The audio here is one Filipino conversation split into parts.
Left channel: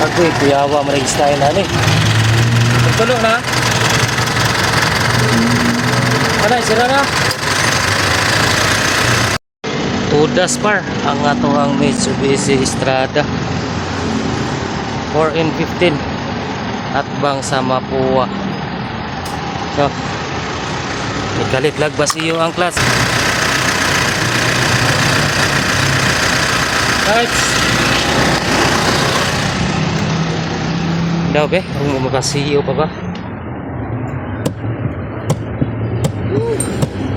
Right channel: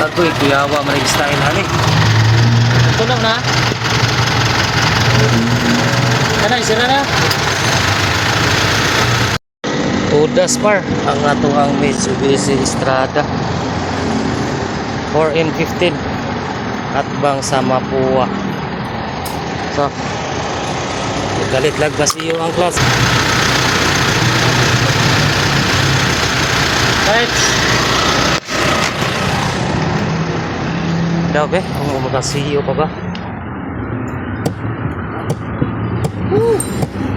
Agoy, kuyawa man style ani. Tulog na. Kanay sira na. Udas par ang atong Mitsubishi Strada 4N15 at bang sa Mapua. So galit lag basiyo ang class. Right. Daw be, kung makasiyo pa ba?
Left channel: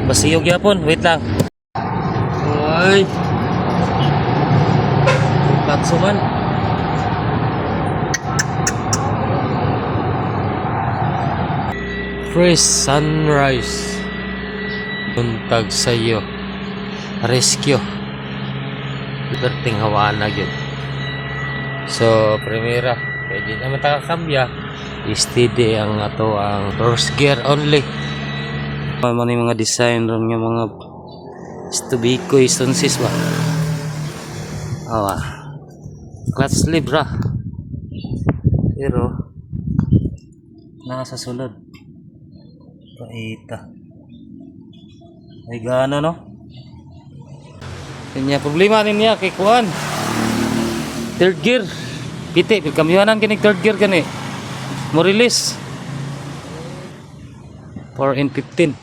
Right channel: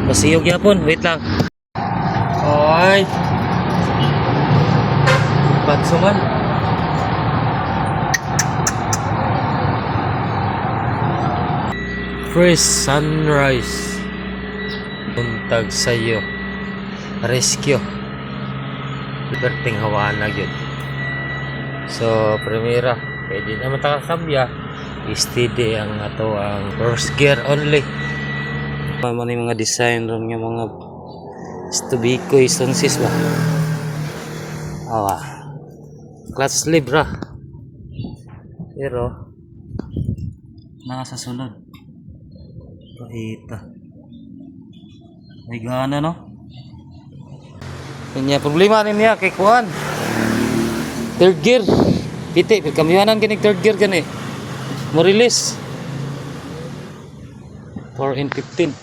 Basiyo gyapon, wait lang. Oy. Patsuman. Fresh sunrise. Buntag sayo. Rescue. Liberting hawaan na yun. So, primera. Pwede naman takakambya. Steady ang ato ang first gear only. Ano yung mga design ron yung mga Stubikoy stonsis ba? Awa. Clutch sleeve ra. Pero nasa sulod. Paita. Ay gana no? Kanya problema niya kay kuan. Third gear. Piti, kamyanan kini third gear kani. Mo release. 4N15.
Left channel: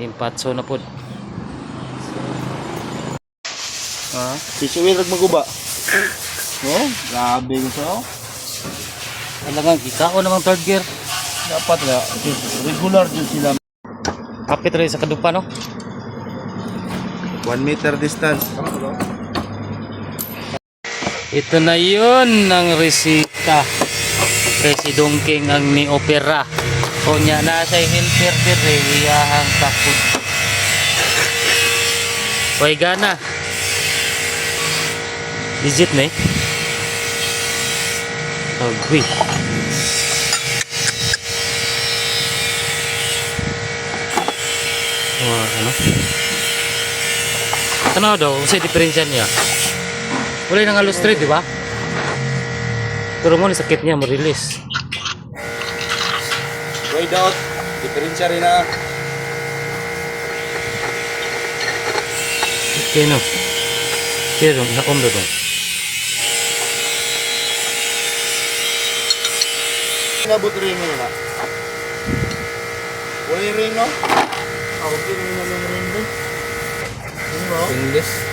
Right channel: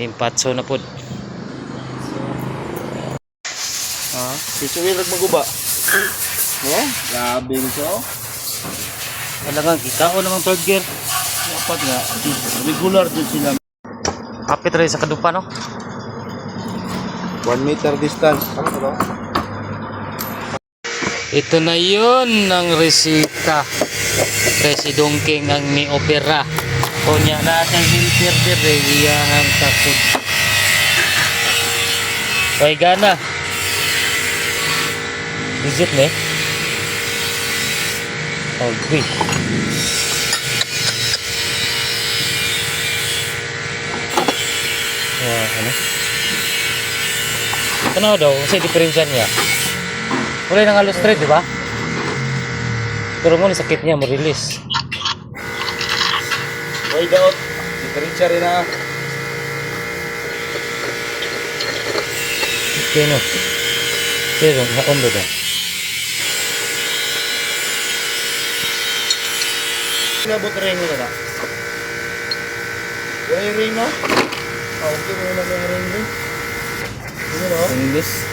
Impatso na pod. Piso wheel rag maguba. No? Grabe so. Wala nga kita o namang third gear. Dapat nga regular din sila. Kapit rin sa kadupa no? 1 meter distance. Ito na yun ang resita. Kasi dongking ang ni opera. O niya na sa inverter iyahang takot. Hoy gana. Digit ne? Agui. Oh, ano? Ito na daw, kasi diferensya niya. Wala nang halos straight, di ba? Pero mo sakit niya, ma-release. Wait out. Diferensya rin na. Okay, no? Pero, na-ondo daw. Nabot ring mo na. Wala ring mo? Okay mo na ng ring mo. Ano mo? English.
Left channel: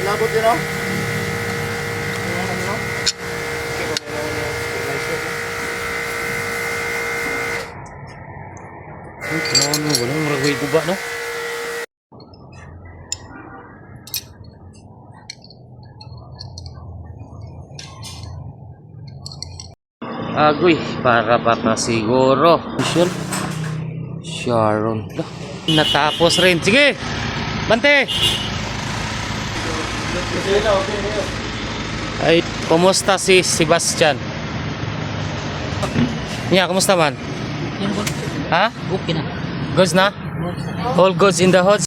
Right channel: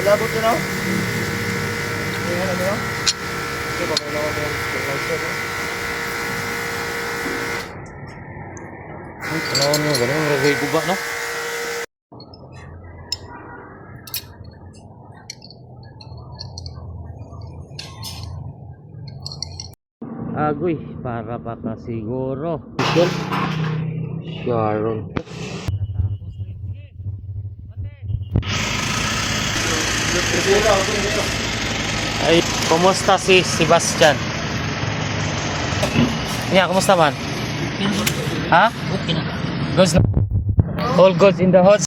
Wala bot yun o? Ay, panahon mo, ganun, ragoy buba, no? Agoy, para siguro. Sharon. Natapos rin. Sige! Bante! Ay, kumusta si Sebastian? Yeah, kumusta man? Ha? Okay na. Goods na? All goods in the hood?